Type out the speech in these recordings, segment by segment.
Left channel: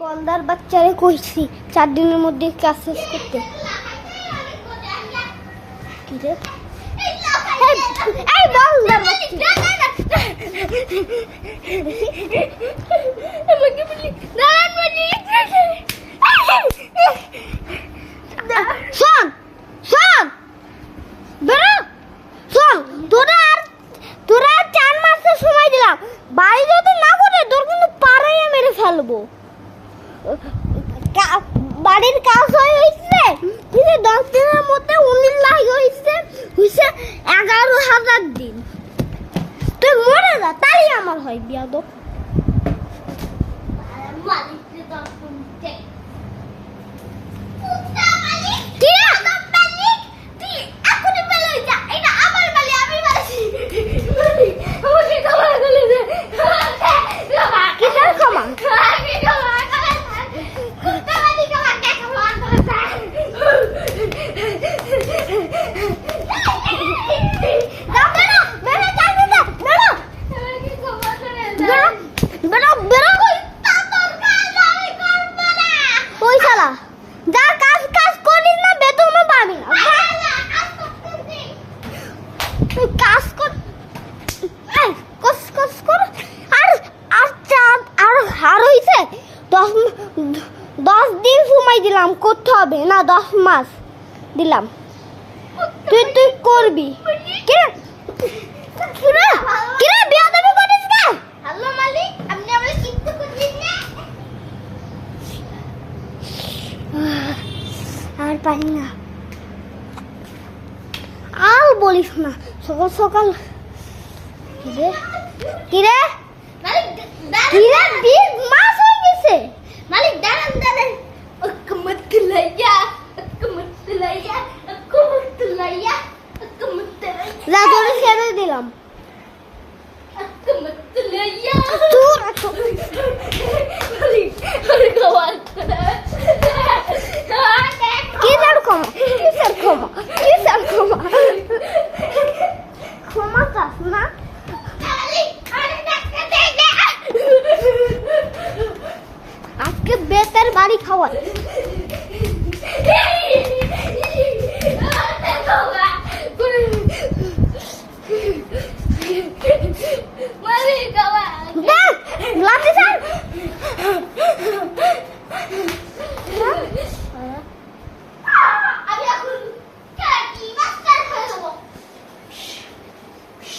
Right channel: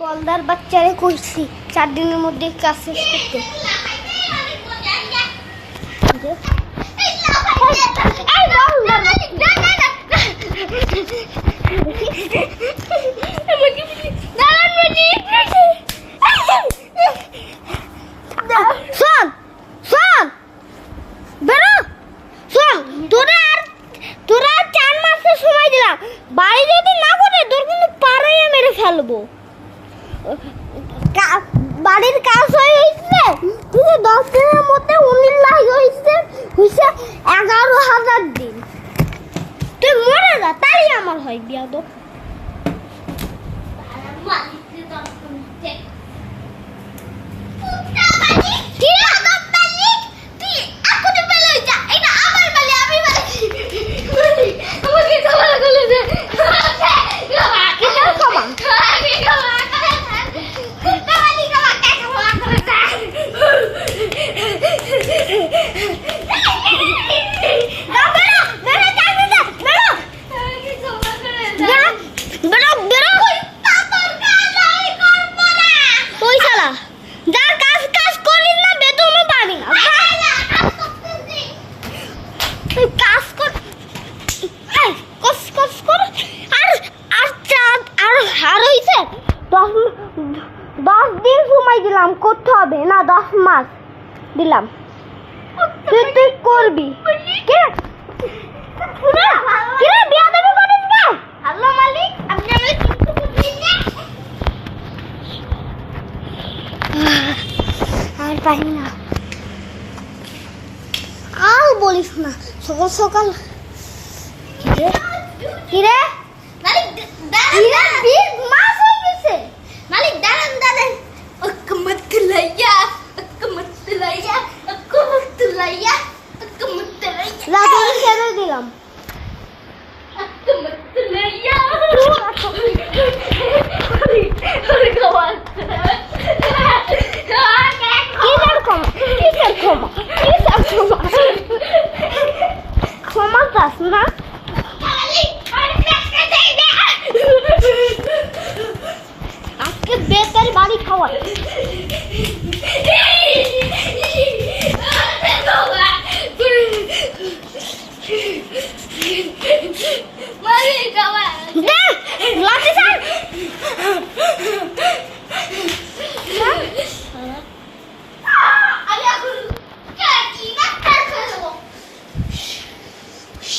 বলদার বাচ্চারে কইছি 4 দিনের মধ্যে কাজ শেষ করতে। শোন শোন বেরো শোন, তোরা 4 মাসের সময় দিলাম, বাড়ি যদি না করে তোর কিন্তু পাড়ায় মেরে ফেলবো। বাড়ির কাজ হয়েছে 10 দিনের মধ্যে 19 লাখ হয়েছে 11,000 দিন। তুই মরে যা, তাই আমার হয় বিয়া তো। দশ দিন সময় দিলাম, করতে হবে না 10 মাস দিলাম, তুই করবি। আর পাই না, আর বলিস না। সকাল সকাল কিরে মাস হয়ে গেছে। মালিক দাঁড়ান দাঁড়ান, ছেড়ে দিলাম। ক্ষমা চাস না? আজকে বেতের বাড়ি খাওয়া।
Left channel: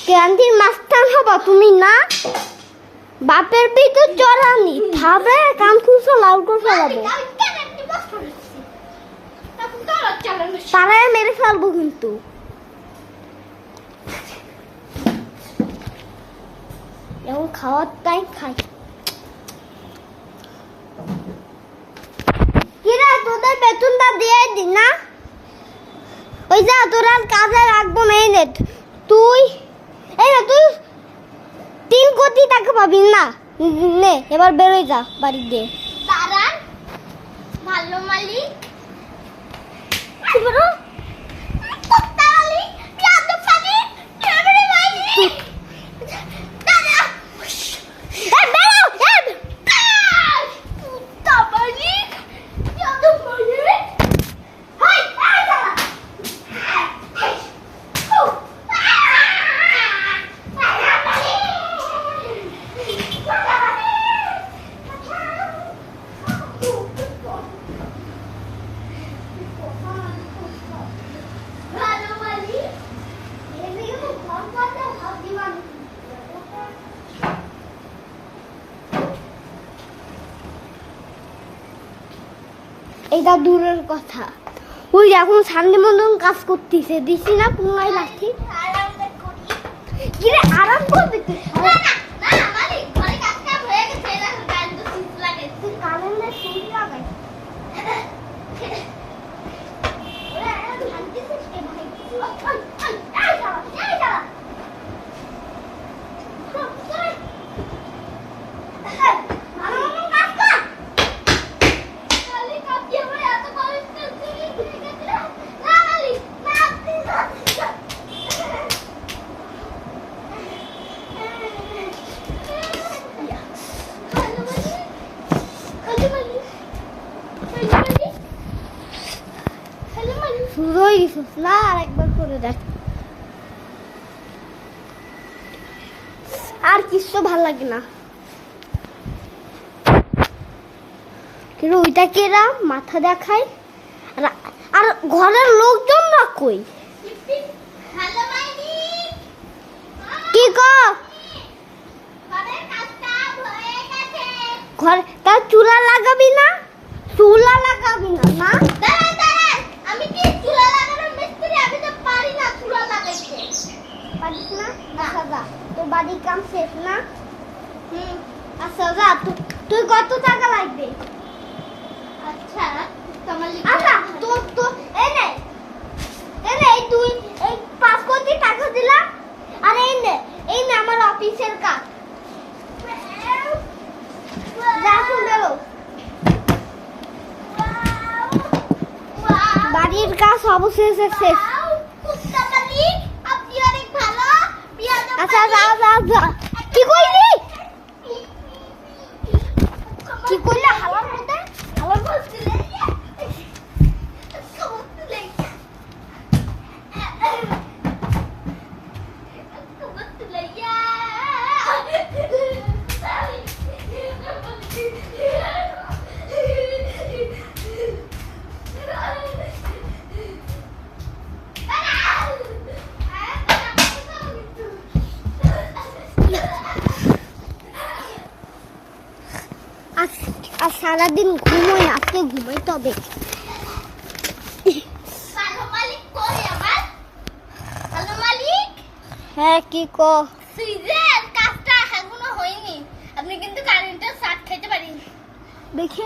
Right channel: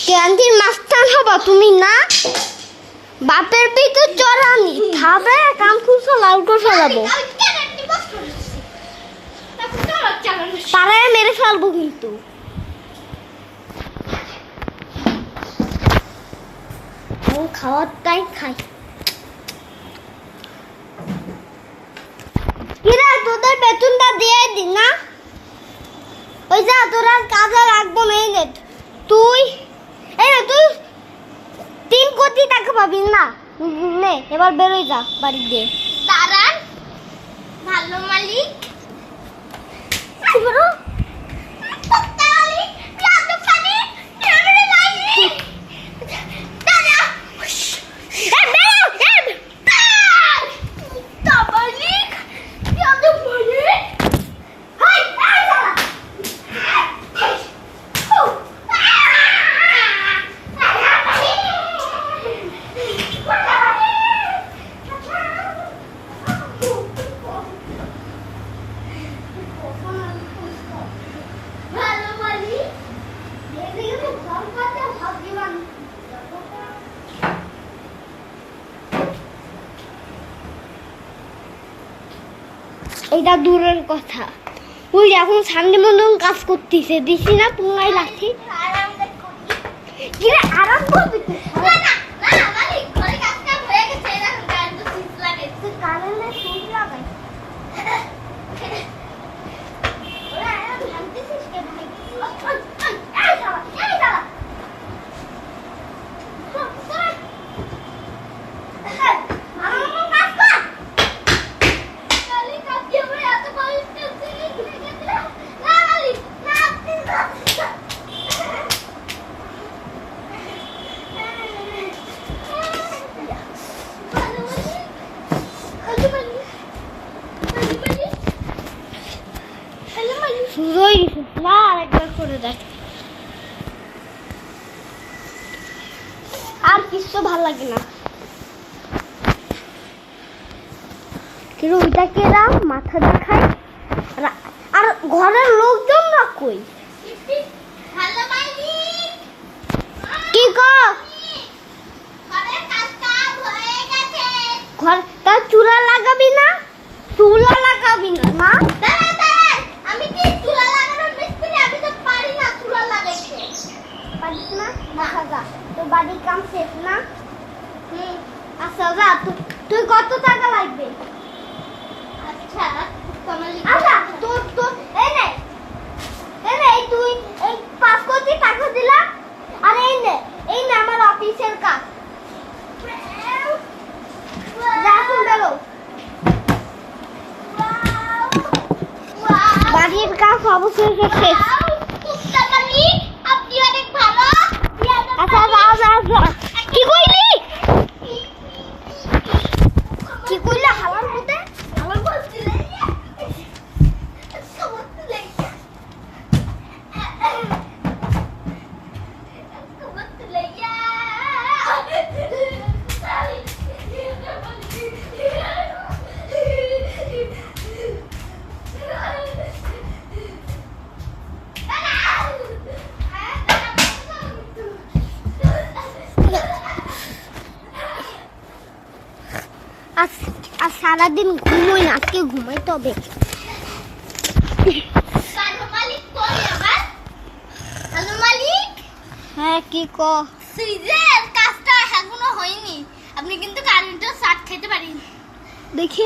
ক্যান্টিন মাস্টার হবা তুমি না? বাপের দিকে চড়ানি খাবে, কান খুঁজো লাউটো চালাবো, পাড়ায় মেরে ফেলবো কিন্তু। খাওয়ার টাইম খাই। কিরা তোদের বেতনটা দিয়ে দিন না? ওই যা, তোরা কাজে রাখবো না। এই নে তুই 3 কোটি টাকা পাবি না। নে এবার বেরোই যা বাড়ি দিয়ে। দাঁড়ান ভালো মালিক, বেরো। এটা দূরের কথা, ওই এখন সানডে মতন কাজ করতেছে, দিছি না পুঙ্গাই লাঠি। আরাম করবি Hadi শুরু হয়ে গেছে না আরেকবার করে দেখ আর কিছু ভালো লাগে না কিন্তু ওইটা কেরা মাথা দেখায় আর ঘরের লোকজন না কই হ্যালো মাইনি কি গো ঘরের কাজ হয়ে গেছে ঘর তার চুলা লাগাবি না চুলা লাগাবি না না দাঁড়া দাঁড়া আমি কি চুলা লাগানোর মিস্ত্রি আমি তো পারি না চুলা লাগাইতে পারিস না দেখা যা তোর বাড়ির কাম শেষ না হুম আচ্ছা যা তুই কত টাকা লাগবে আচ্ছা তোমার আচ্ছা তোর তোর এনে এই তুই এই 5 কোটি টাকা দিলা আর এই নে আমার অফিসের কাজ যা শুন বেরো বাড়ির কাজ অবশেষে শেষ কুত্তা মালিক আপনি অনেক ভালো আচ্ছা যা কি কইলি কি কইলা হালার মধ্যে ভালো বলছিলে আর সারাদিন ঘুমোই না আজকে ঘুমাইতে হবে হ্যাঁ কি কো সুইজের কাজটা এখনো হয়নি আপনি কিন্তু কারেন্টের শাক খেতে পারেন দেখি